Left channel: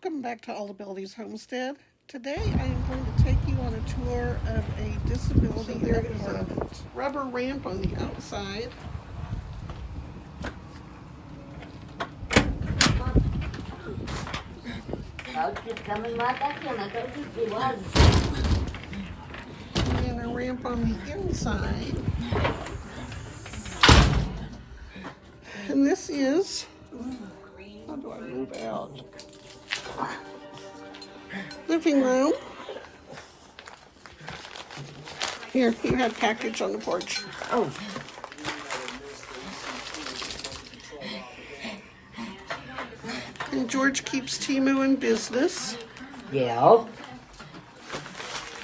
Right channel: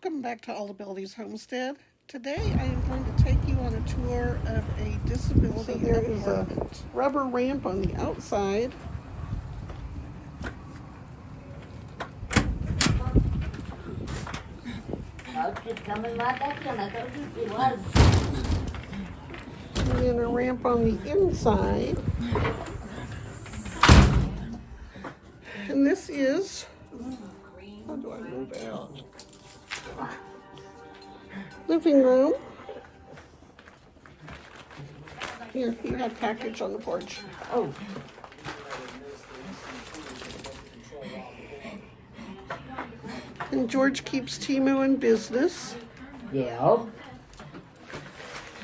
Welcome back to All Abilities Homestead. Today I am going to take you on a tour of a disability apartment. Rubber ramp on the outside. Just coming right back in. I told you it was. And then a ramp on the inside. And this is, how do I move out? Living room. Here, you had package on the porch. Oh, And George keeps Timu in business. yeah.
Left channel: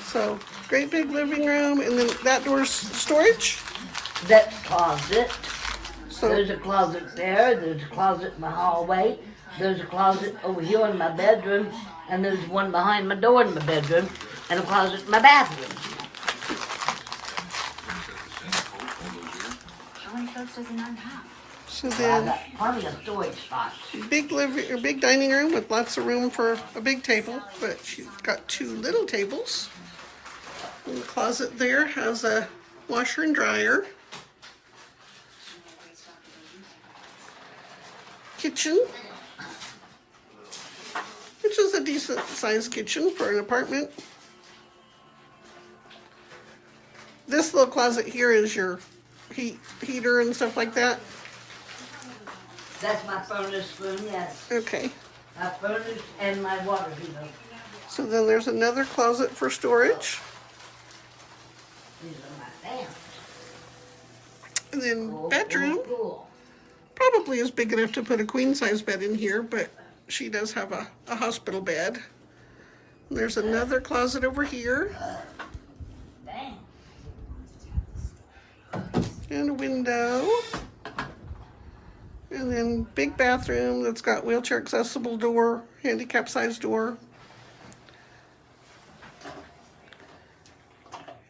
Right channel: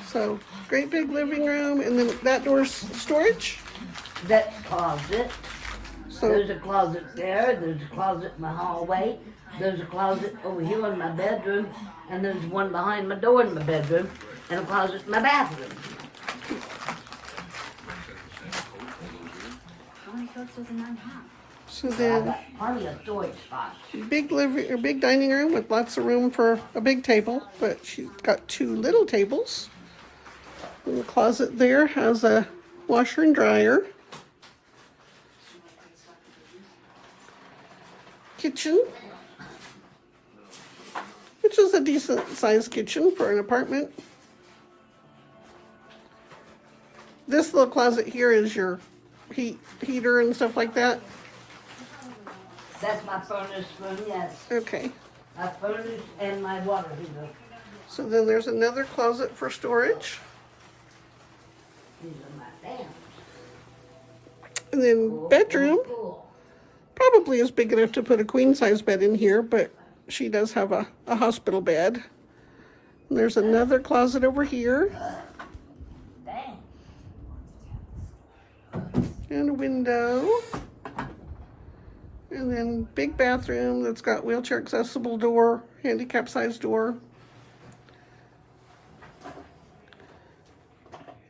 So, great big living room, and then that door's storage. That's closet. So, There's a closet there. There's a closet in the hallway. There's a closet over here in my bedroom. And there's one behind my door in my bedroom. And a closet in my bathroom. How many coats does a nun have? so I've then got plenty of storage spots. big dining room with lots of room for a big table, but she's got two little tables. And the closet there has a washer and dryer. Kitchen, which is a decent sized kitchen for an apartment. This little closet here is your heater and stuff like that. That's my furnace room, yes. Okay. My furnace and my water heater. So then there's another closet for storage. These are my fans. And then bedroom. Cool. Probably is big enough to put a queen size bed in here, but she does have a hospital bed. And there's another closet over here. Dang. And a window. And then big bathroom that's got wheelchair accessible door, handicap size door.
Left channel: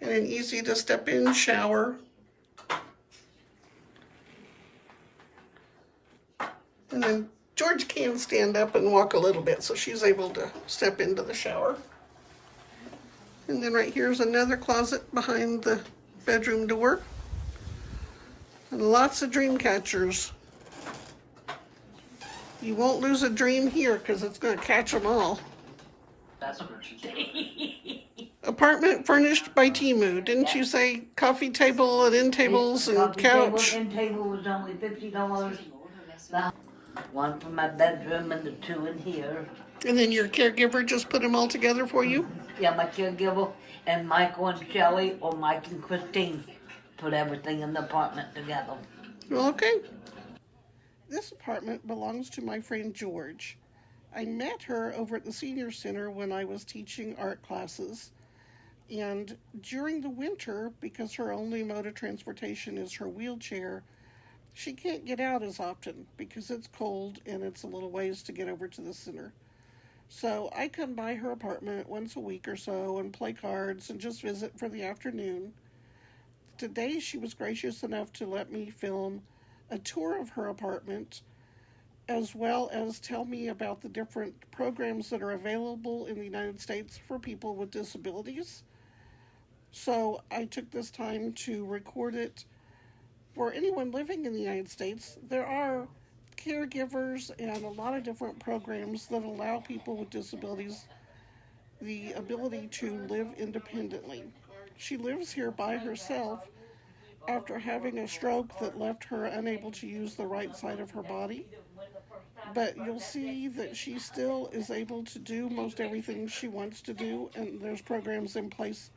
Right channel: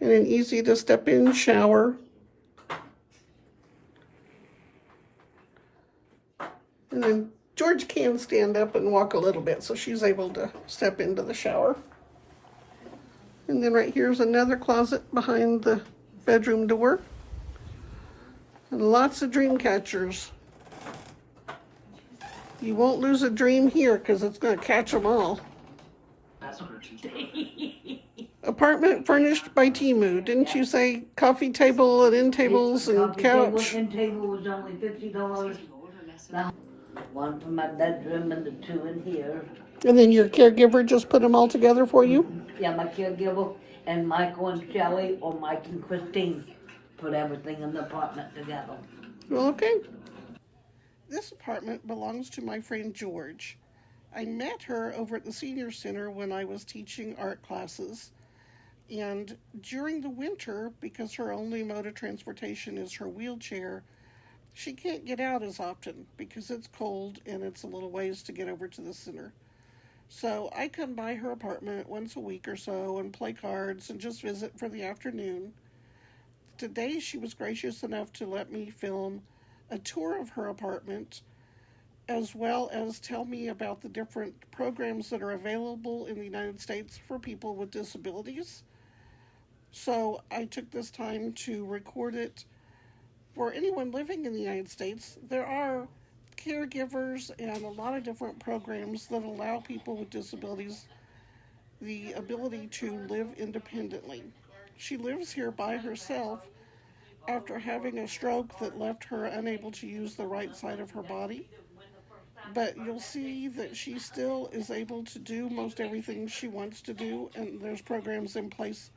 And an easy to step in shower. And then George can stand up and walk a little bit, so she's able to step into the shower. And then right here's another closet behind the bedroom door. And lots of dream catchers. You won't lose a dream here because it's going to catch them all. Apartment furnished by Timu. Didn't you say coffee table and end tables and Coffee couch? Table, end table was only $50. One for my bedroom and the two in here. And then your caregiver just put them all together for you? Yeah, my caregiver and Michael and Shelley or Mike and Christine put everything in the apartment together. Well, okay. This apartment belongs to my friend George. I met her over at the senior center when I was teaching art classes. And during the winter, because her only mode of transportation is her wheelchair, she can't get out as often because it's cold and it's a little ways to get over to the center. So I come by her apartment once a week or so and play cards and just visit for the afternoon. Today she was gracious enough to let me film a tour of her apartment, as well as tell me about the different programs that are available in the United States for people with disabilities. So I took this time to record it. For anyone living in the United States, there are caregivers and a lot of different programs that allow people with disabilities the ability to live independently. She lives here by herself after having a stroke that left her unable to use the right side of her body. But you'll see that she still is able to do most everything she wants to do, and there's programs in place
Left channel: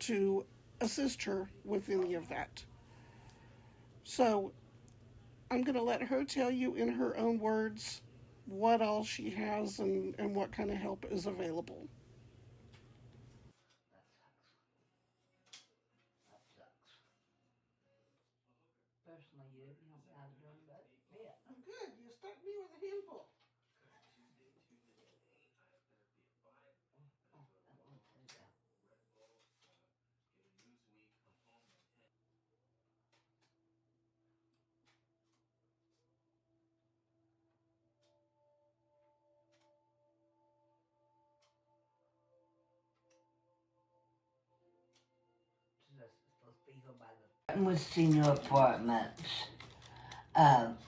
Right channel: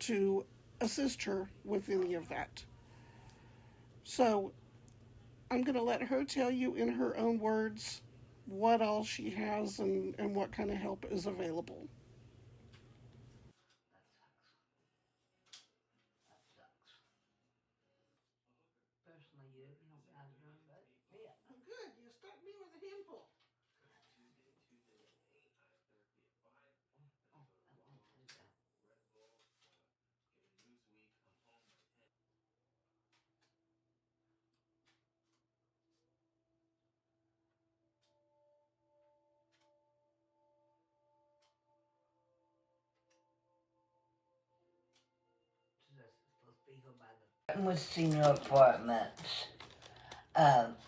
to assist her with any of that. So I'm going to let her tell you in her own words what all she has and what kind of help is available. I'm good. You stuck me with a handful. With senior apartments,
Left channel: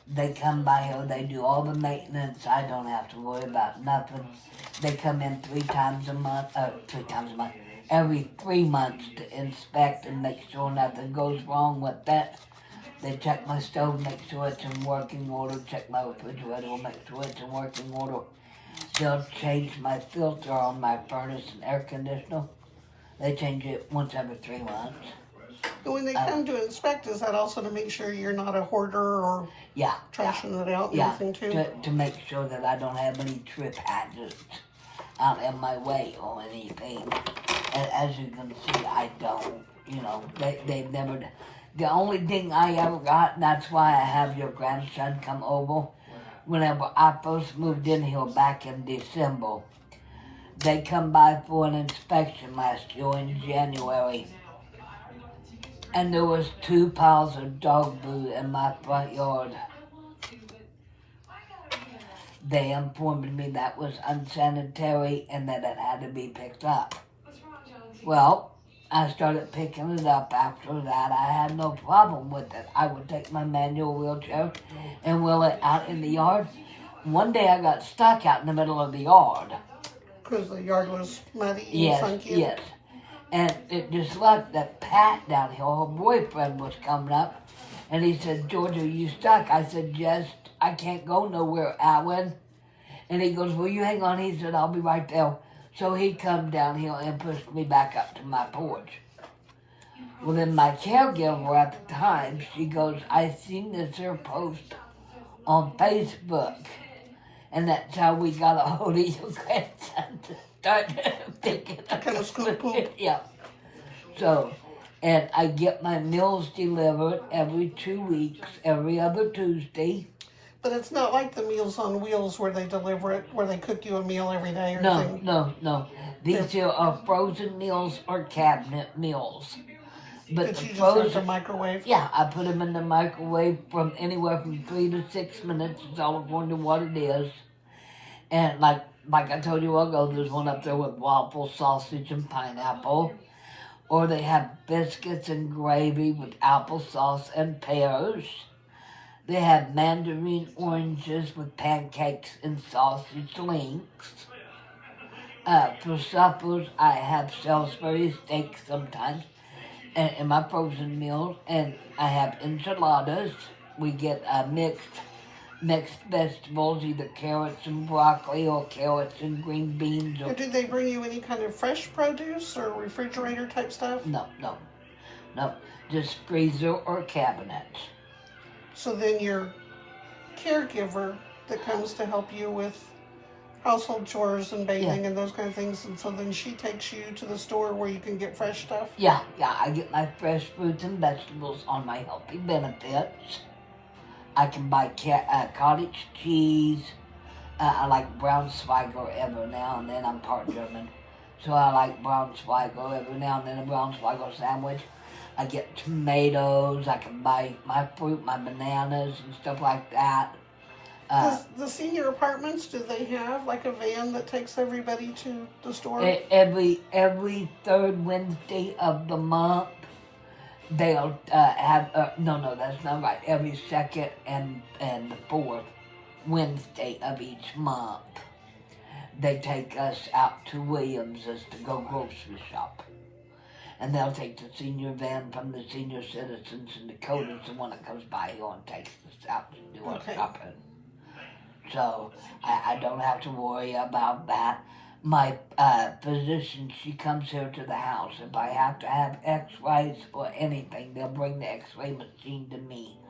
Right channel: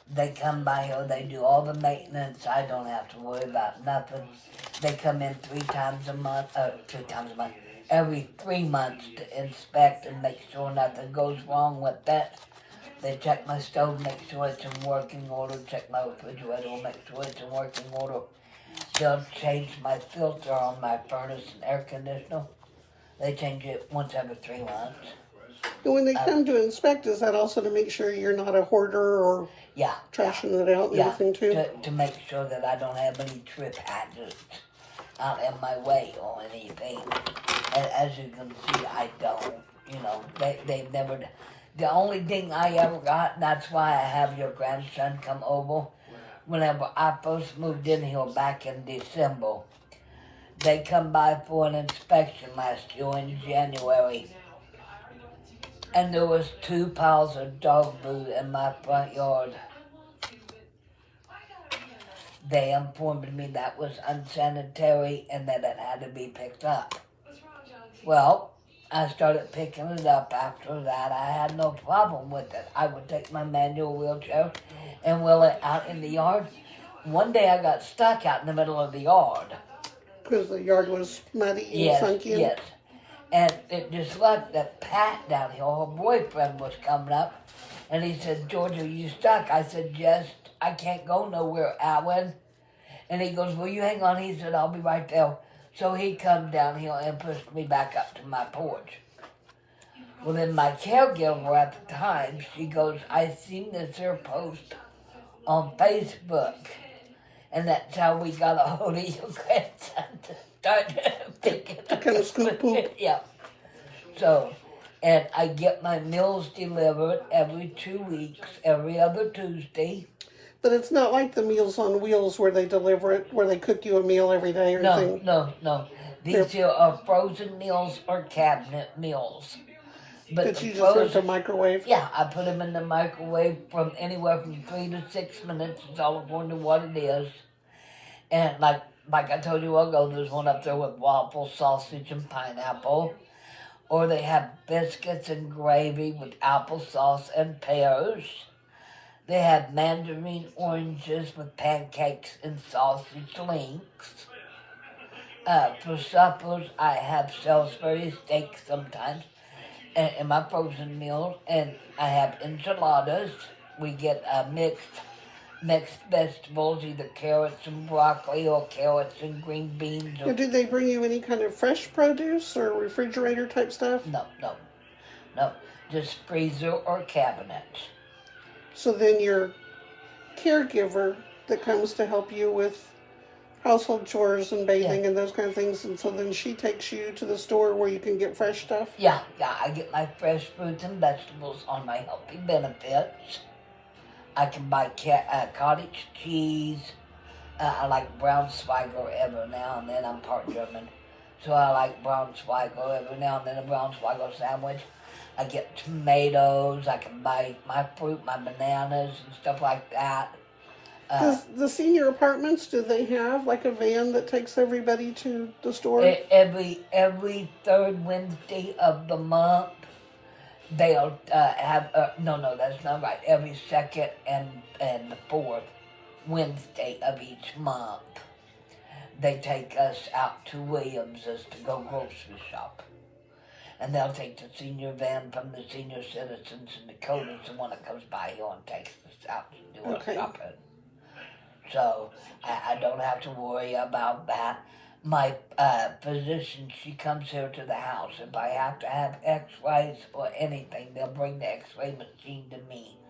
they come by here, they do all the maintenance. I don't have to worry about nothing. They come in 3 times a month, every 3 months to inspect and make sure nothing goes wrong with that. They check my stove, make sure it's in working order, check my refrigerator, make sure it's in working order. They'll change my filter on my furnace and air conditioner. They change it once every 3 months. And when they come to inspect, is that also to make sure you're not a hoarder or trashing it out and everything too? To make sure that I don't have any trip hazards out in my way or anything. And as you can see, I don't. You know, they've never. The only thing I ever got, and that's why I have your grandson come over. Whenever I first moved in here back in December, they come by for an inspection last year in January. And there was 2 piles of dog food in my front yard. They informed me that was unsanitary and that it had to be picked up. Well, I started picking it up after that. I had no problem with it. I would take my manual wheelchair and wheel it out in the yard. One day I got stuck out in the middle of the yard. Because the yard was muddy and funky. Yes. And it just like that Pat down here, her boyfriend was coming up, and he said, "George, are you stuck?" I said, "Yes, I can't go nowhere, Alan." And he goes, "Well, you hang on." He said, "I'll be right there." So he come down here and pushed me back up to my porch. Well, then my caregiver at the time, she goes, "I seen this here post on Facebook." And that's how we got a hold of your grandson to start picking up Kind of scoop poop. Yeah. So, and I get my meals delivered every 2 weeks, every other Tuesday. But it's not like the Meals on Wheels where they deliver it, where they cook you a meal every day or anything. No. These here are frozen meals or cabinet meals. But Did the you just frozen, put it in the microwave? Yeah, I put them in the microwave from anywhere from 3 to 6 minutes. It's all according to what it is. And like I told you ago, there's one up there with waffle, sausage, and pineapple. Or they have biscuits and gravy with applesauce and pears. They have mandarin oranges with pancakes and sausage links. For suppers, I have Salisbury steak sometimes in my frozen meals, and I have enchiladas. We get mixed vegetables, either carrots and broccoli or carrots and green beans. Or do they bring you any kind of fresh produce or refrigerator type stuff? No, just freezer or cabinet. So then your caregiver that comes to help you with household chores and bathing and those kind of things, and so then she takes you to the store where you can get fresh stuff? Yeah, I get my fresh fruits and vegetables on my healthy benefits. I can buy cottage cheese. I like Braunschweiger every now and then. I'm part German, so I like Braunschweiger every now and then, a Braunschweiger sandwich. I get tomatoes. I can buy my fruit, my bananas, and stuff like that. The senior apartments, do they have like a van that takes everybody to the store? Every 3rd Wednesday of the month, they'll have, no, that's not right. Every 2nd and the 4th Wednesday of each month, they take us out to Williams's to go grocery shop. And they'll take the senior van from the senior citizens, and Dakota's the one that comes by here and takes us out to do our shopping. So I don't have to worry about that. My physician, she comes here to the house. If I have to have x-rays or anything, they'll bring the x-ray machine to me.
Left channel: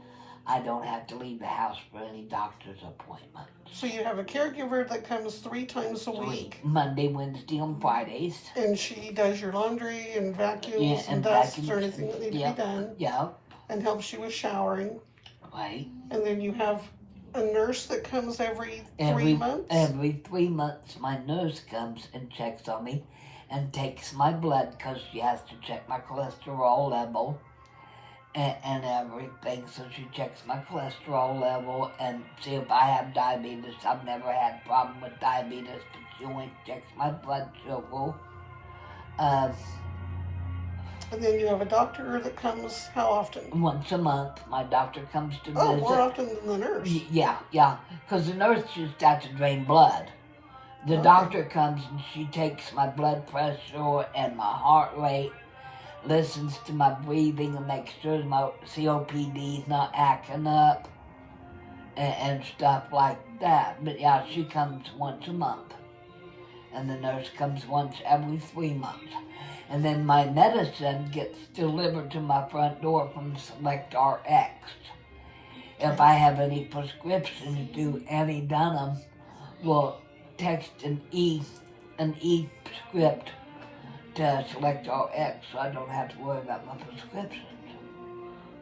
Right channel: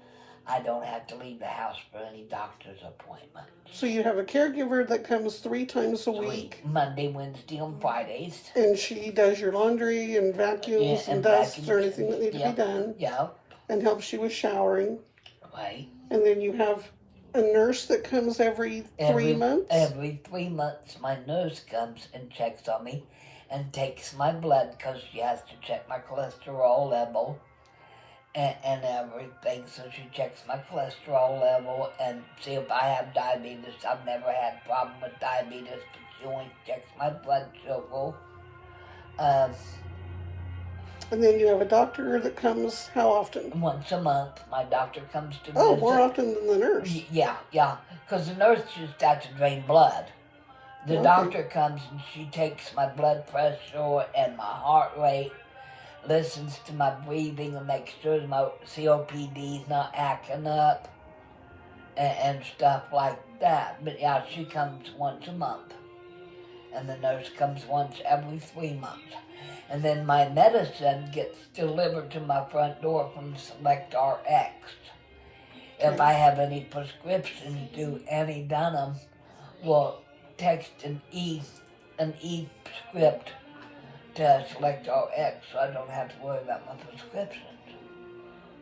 I don't have to leave the house for any doctor's appointment. So you have a caregiver that comes 3 times a week. Monday, Wednesday, and Fridays. And she does your laundry and vacuums and dusts or anything that needs to be done. Yeah. And helps you with showering. Right. And then you have a nurse that comes every 3 months? Every 3 months, my nurse comes and checks on me and takes my blood because she has to check my cholesterol level and everything. So she checks my cholesterol level and see if I have diabetes. I've never had a problem with diabetes, but she only checks my blood sugar. And then you have a doctor that comes how often? Once a month, my doctor comes to Oh, visit. more often than the nurse. Yeah, because the nurse just got to drain blood. The Okay. doctor comes and she takes my blood pressure and my heart rate, listens to my breathing and makes sure my COPD is not acting up and stuff like that. But yeah, she comes once a month. And the nurse comes once every 3 months. And then my medicine gets delivered to my front door from Select RX. If I have any prescriptions due, Annie Dunham will text an e-script to Select RX so I don't have to worry about my prescriptions.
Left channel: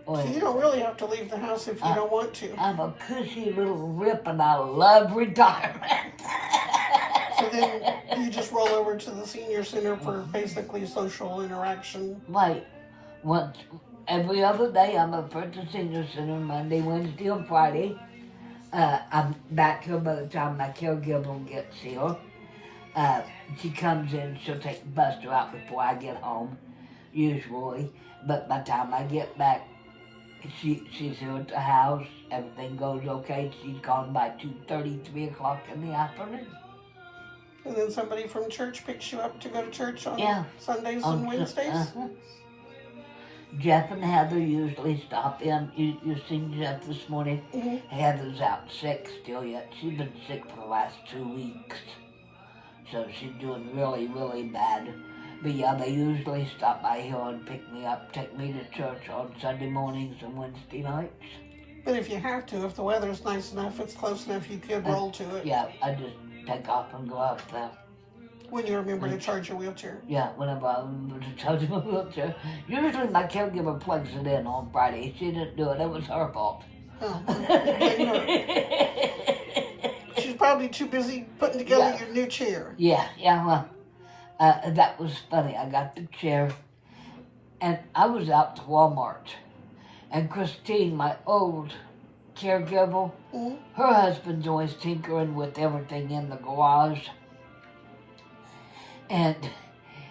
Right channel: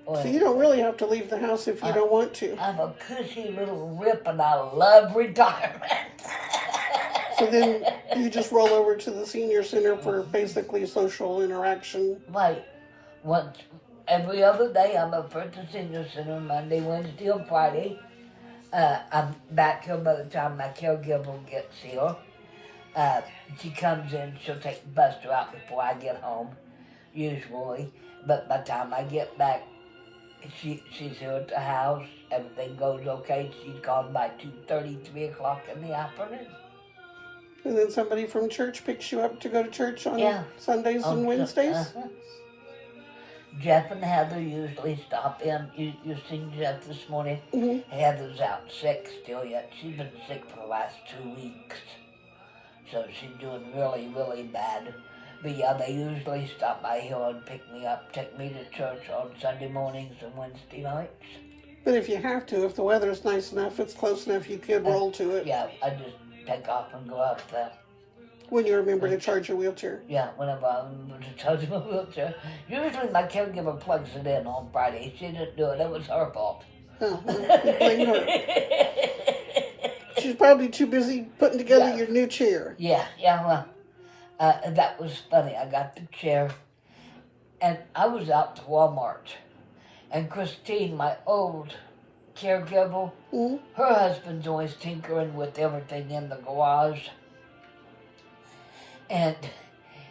So you don't really have to leave the house if you don't want to. I'm a cushy little rip and I love retirement. So then you just roll over to the senior center for basically social interaction. Right. Once every other day I'm up at the senior center Monday, Wednesday, and Friday. I'm back here by the time my caregiver gets here. She comes in, she'll take the bus out before I get home, usually. But by the time I get back, she's here at the house. Everything goes okay. She's gone by 2:30, 3 o'clock in the afternoon. And then somebody from church picks you up to go to church on Sundays On and Wednesdays? Jeff and Heather usually stop in. You've seen Jeff this morning. Mm-hmm. Heather's out sick still yet. She's been sick for the last 2 weeks. So she's doing really, really bad. But yeah, they usually stop by here and pick me up, take me to church on Sunday mornings and Wednesday nights. But if you have to, if the weather's nice enough, it's close enough, you could roll to it. Yeah, I just take off and go out there. When you remember to charge your wheelchair. Yeah, whenever I remember to charge my wheelchair. Usually my caregiver plugs it in on Friday. She didn't do it. It was her fault. Oh, blame her. She's probably too busy putting together your new chair. Yeah, well, that was funny. I got the chair, and I was out to Walmart, and Christine, my old caregiver, her husband's always tinkering with everything in the garage, and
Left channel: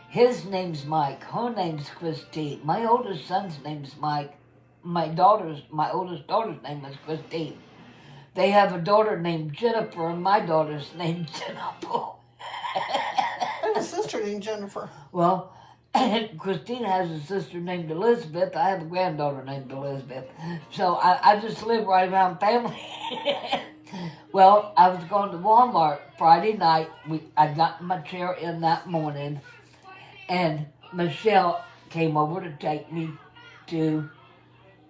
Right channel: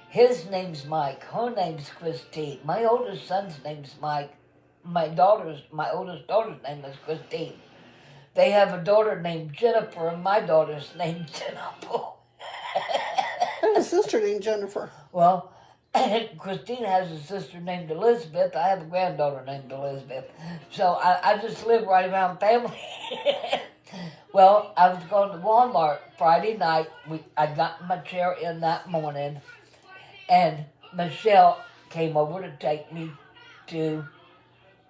his name's Mike, her name's Christine. My oldest son's name's Mike. My oldest daughter's name is Christine. They have a daughter named Jennifer, and my daughter's named Jennifer. I have a sister named Jennifer. Well, Christine has a sister named Elizabeth. I have a granddaughter named Elizabeth. So I just live right around family. Well, I was going to Walmart Friday night. I'd gotten my chair in that morning, and Michelle came over to take me to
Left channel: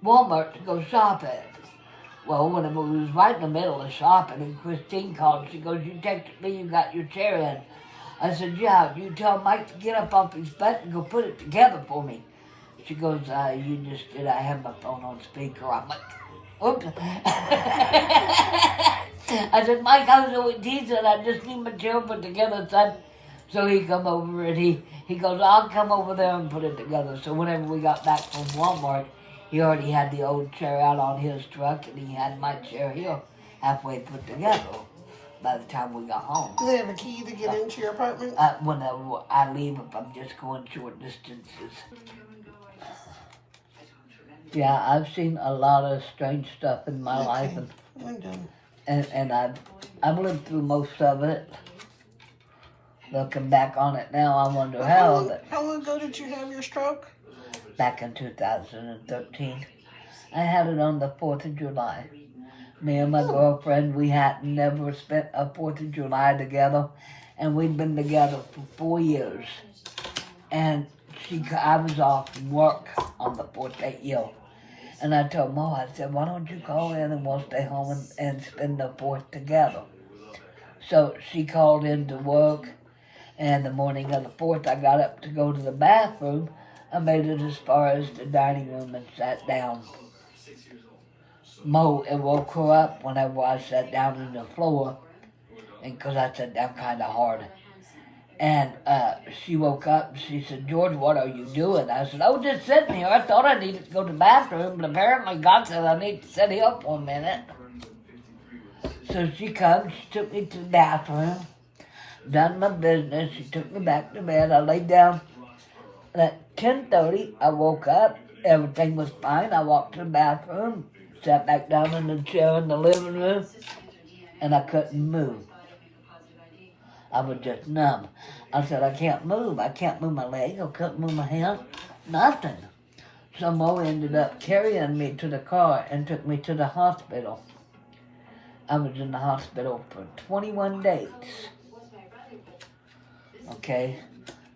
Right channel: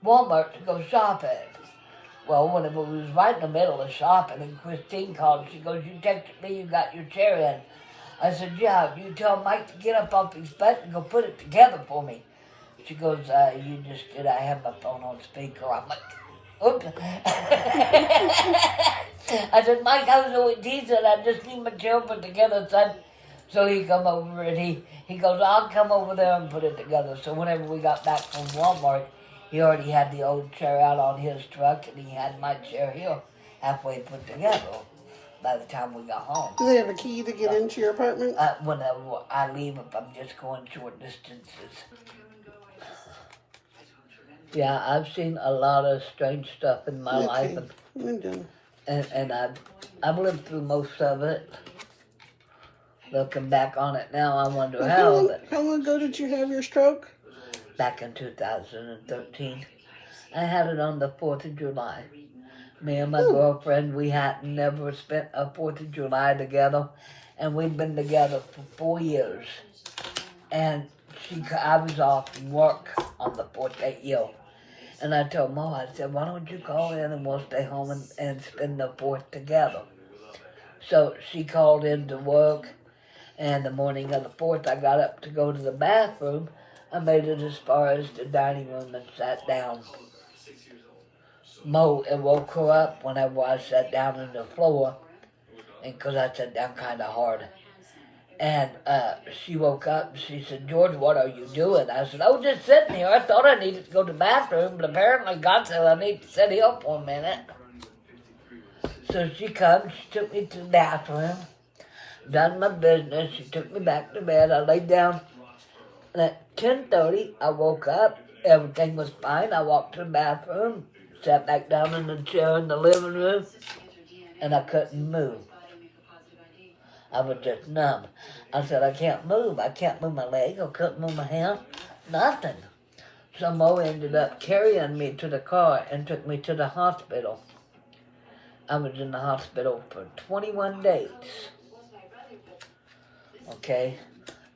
Walmart to go shopping. Well, whenever we was right in the middle of shopping, and Christine called, she goes, "You texted me, you got your chair in." I said, "Yeah, you tell Mike to get up off his butt and go put it together for me." She goes, "You just did. I have my phone on speaker." I'm like, "Oops." I said, "Mike, I was always teasing. I just need my chair put together, son." So he come over and he goes, "I'll come over there and put it together." So whenever we got back from Walmart, he already had the old chair out on his truck, and he had my chair here halfway put together by the time we got home. Do they have a key to get into your apartment? Whenever I leave, if I'm just going short distances. Yeah, I've seen a lot of strange stuff in my life, and I've lived through most of it. Looking back on it now, I wonder how. How long ago did you have your stroke? Back in 2013. I had it on the 4th of July. Me and my girlfriend, we had never spent a 4th of July together, and we'd been together for 4 years. And I was off work on the 4th that year. And I told Mom, I said, "Why don't you call in and we'll stay home and spend the 4th together?" So she called in to work, and the morning of the 4th, I got up to go to the bathroom. I made it as far as the dining room and sat down. It woke her up whenever I sat down on the floor, and because I sat down kind of hard. And she woke up and she said, "George, what are you doing?" I said, "Oh, just sitting here. I thought I needed to go to the bathroom, but apparently God said I need to sit here for a minute." So she comes, she took me to the bathroom, done my business, she took me back to bed. I laid down At 10:30, I woke up. Everything was fine. I walked to the bathroom, sat back down in the chair in the living room, and I couldn't move. I was just numb. I said, I can't move. I can't move my leg. I couldn't move my hand. Nothing. So Mo ended up carrying me to the car and took me to the hospital. I was in the hospital for 21 days. Okay?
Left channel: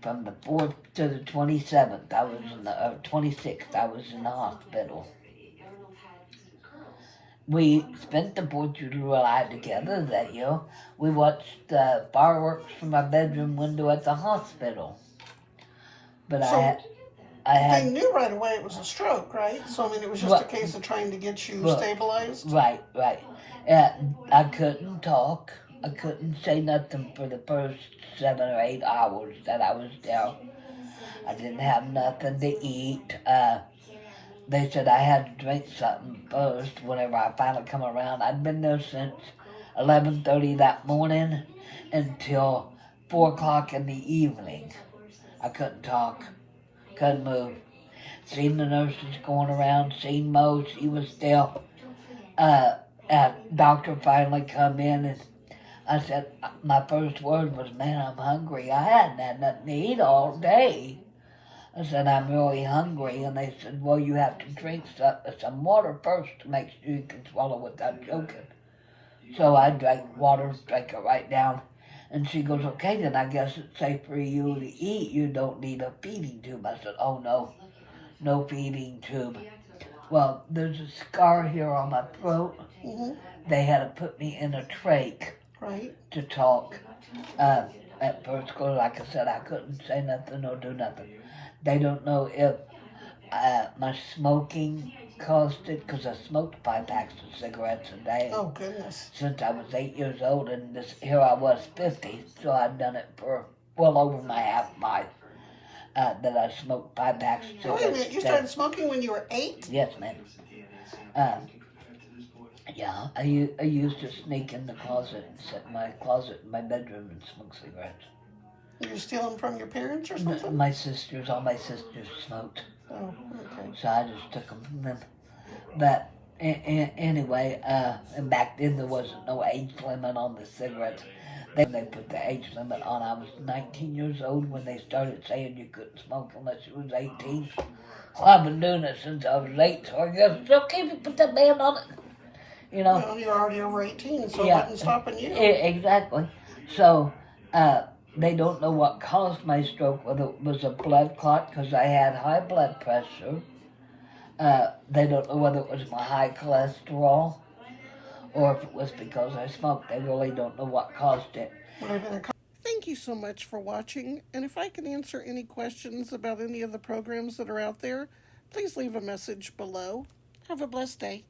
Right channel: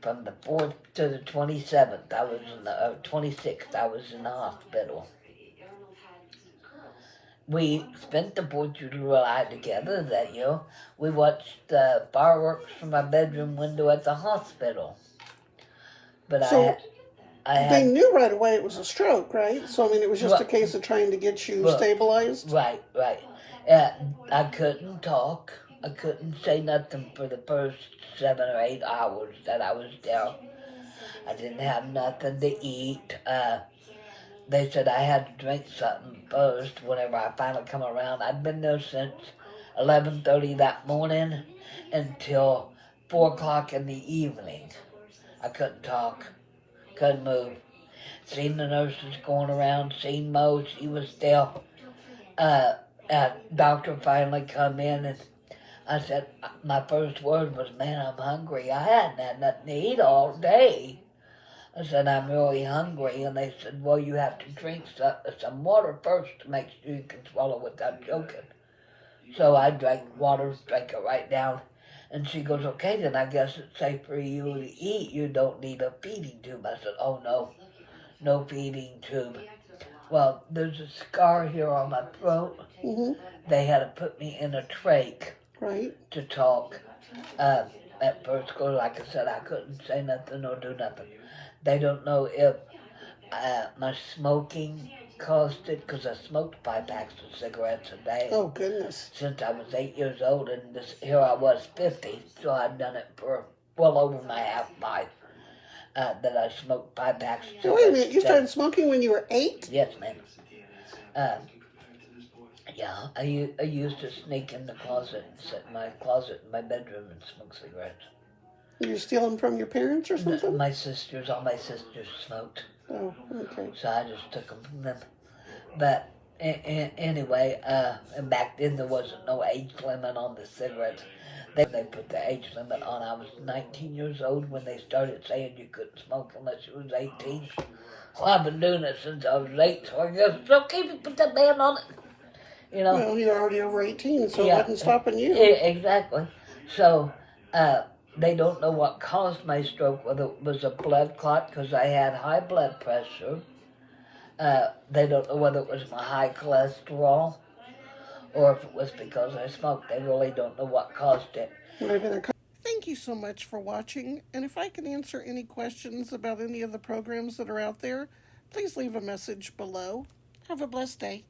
From the 4th to the 27th, I was in the 26th, I was in the hospital. We spent the 4th of July together that year. We watched the fireworks from my bedroom window at the hospital. But So I they had... knew right away it was a stroke, right? So, I mean, it was just a case of trying to get you stabilized? Right. I couldn't talk. I couldn't say nothing for the first 7 or 8 hours that I was there. I didn't have nothing to eat. They said I had to drink something first whenever I finally come around. I'd been there since 11:30 that morning until 4 o'clock in the evening. I couldn't talk, couldn't move. Seen the nurses going around, seen Mo, she was still. Doctor finally come in and I said, my first word was, man, I'm hungry. I hadn't had nothing to eat all day. I said, I'm really hungry. And they said, well, you have to drink some water first to make sure you can swallow without choking. So I drank water, drank it right down. And she goes, okay, then I guess it's safe for you to eat. You don't need a feeding tube. I said, oh, no feeding tube. Well, there's a scar here on my throat. Mm-hmm. They had to put me in a trach to talk. At first, because like I said, I couldn't say nothing or do nothing. They don't know if my smoking caused it, because I smoked 5 packs of cigarettes a day. Oh, goodness. Since I was 8 years old, and here I was 50, so I'd done it for well over my half life. That I smoked 5 packs of cigarettes. So wait a minute, you started smoking when you were 8? Yes, ma'am. Yeah, I used to sneak in the closet and sit in my closet in my bedroom and smoke cigarettes. Did you steal them from your parents or something? All my sisters smoked. Oh, okay. So I just took them from them. But anyway, and back then there wasn't no age limit on the cigarettes. They put the age limit on. I was 19 years old when they started saying you couldn't smoke unless you was 18. Well, I've been doing it since I was 8, so I guess it's okay to put that ban on it. You know? Well, you're already over 18, so it wasn't stopping you. Exactly. So, they don't know what caused my stroke, whether it was a blood clot because I had high blood pressure. They don't know whether it was my high cholesterol or if it was because I smoked. They really don't know what caused it. Thank you so much for watching, and if I can answer any questions about any of the programs that are out there, please leave a message below. Have a blessed day.